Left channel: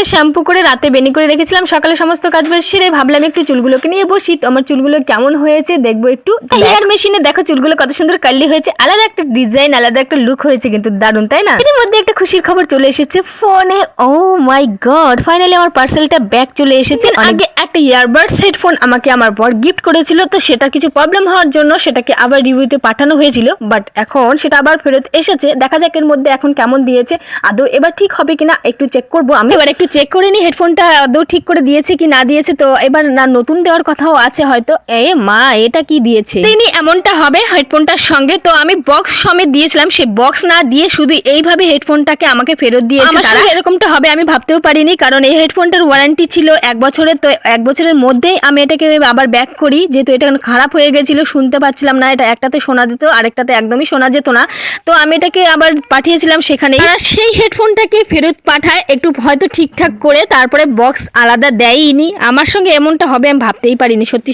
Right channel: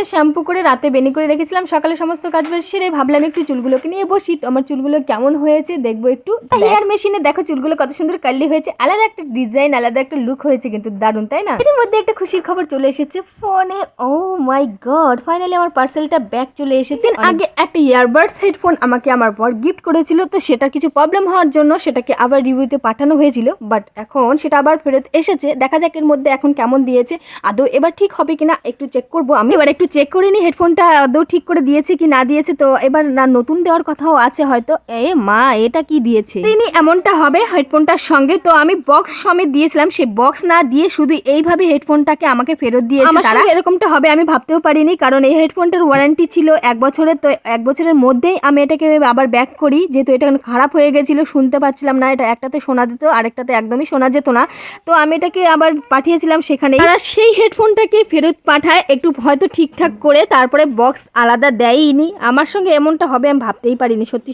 সকালে শ্যাম্পু করে রাতে বেনি করে রেখেছিলাম। সকালে সমস্ত কাজ বাজ সেরে ভাবলাম একটু চুলগুলোকে নিয়ে বসি। তো আমার চুলগুলো কেমন হয়েছে দেখবো একটু। হেয়ার মেশিনে দেখো চুলগুলো কত সুন্দর কার্লি হয়েছে, আলাদা একটা ডিজাইন, আলাদা একটা লুক হয়েছে, কিন্তু দারুণ তাই না? এর মধ্যে একটা খুশির খবর চলে এসেছে ফোনে। ও মাই গড, ফাইনালি আমার পার্সেলটা ব্যাক চলে এসেছে। আগে একটা ইয়ারবাডস হেডফোন আমাকে আমার বর গিফট করেছিল, তো সেটা কিছু প্রবলেম হওয়ার জন্য সেটাকে আবার রিভিউতে পাঠানো হয়েছিল, বাট এখন সেটা আবার ফেরত এসেছে। দেখা যাক এর মধ্যে এখন কেমন দিয়েছে, আদৌ এবার ঠিক হবে কিনা একটু চেক করবো। আমি এবার একটু চেক করে নিই হেডফোনটা আদৌ ঠিক করে দিয়েছে কি না দিয়েছে। তো এবার না নতুন দেওয়ার কথাও আছে হয়তো। এ মা, এটা কি দিয়েছে? তিনি এমনটা হবে হেডফোনটার সঙ্গে। তো আমি বক্স সমেত দিয়েছিলাম, সেই বক্স না দিয়ে শুধু এইভাবে হেডফোনটাকে আমাকে ফেরত দিয়েছে তারা। এরকমটা হবে আমি ভাবতেও পারিনি, কারণ এই হেডফোনটার ওয়ারেন্টি ছিল 1 বছরের। তো 1 বছরের মধ্যেই আমি এটাকে আবার ব্যাক করি, যেহেতু এটা খারাপ হয়ে গেছিল, শুনতে পাচ্ছিলাম না। এটা একটাতে শোনা যেত, আরেকটাতে একদমই শোনা যেত না। তো আমি এটাকে আবার পাঠিয়েছিলাম সেখানে, তারা সেই হেডফোনটাকে ফেরত পাঠায় একটু হয়তো ঠিকঠাক করে, তারপরে বক্স আলাদা দেয়নি। আমার সঙ্গে এমনটা হবে আমি ভাবতেই পারিনি সত্যি।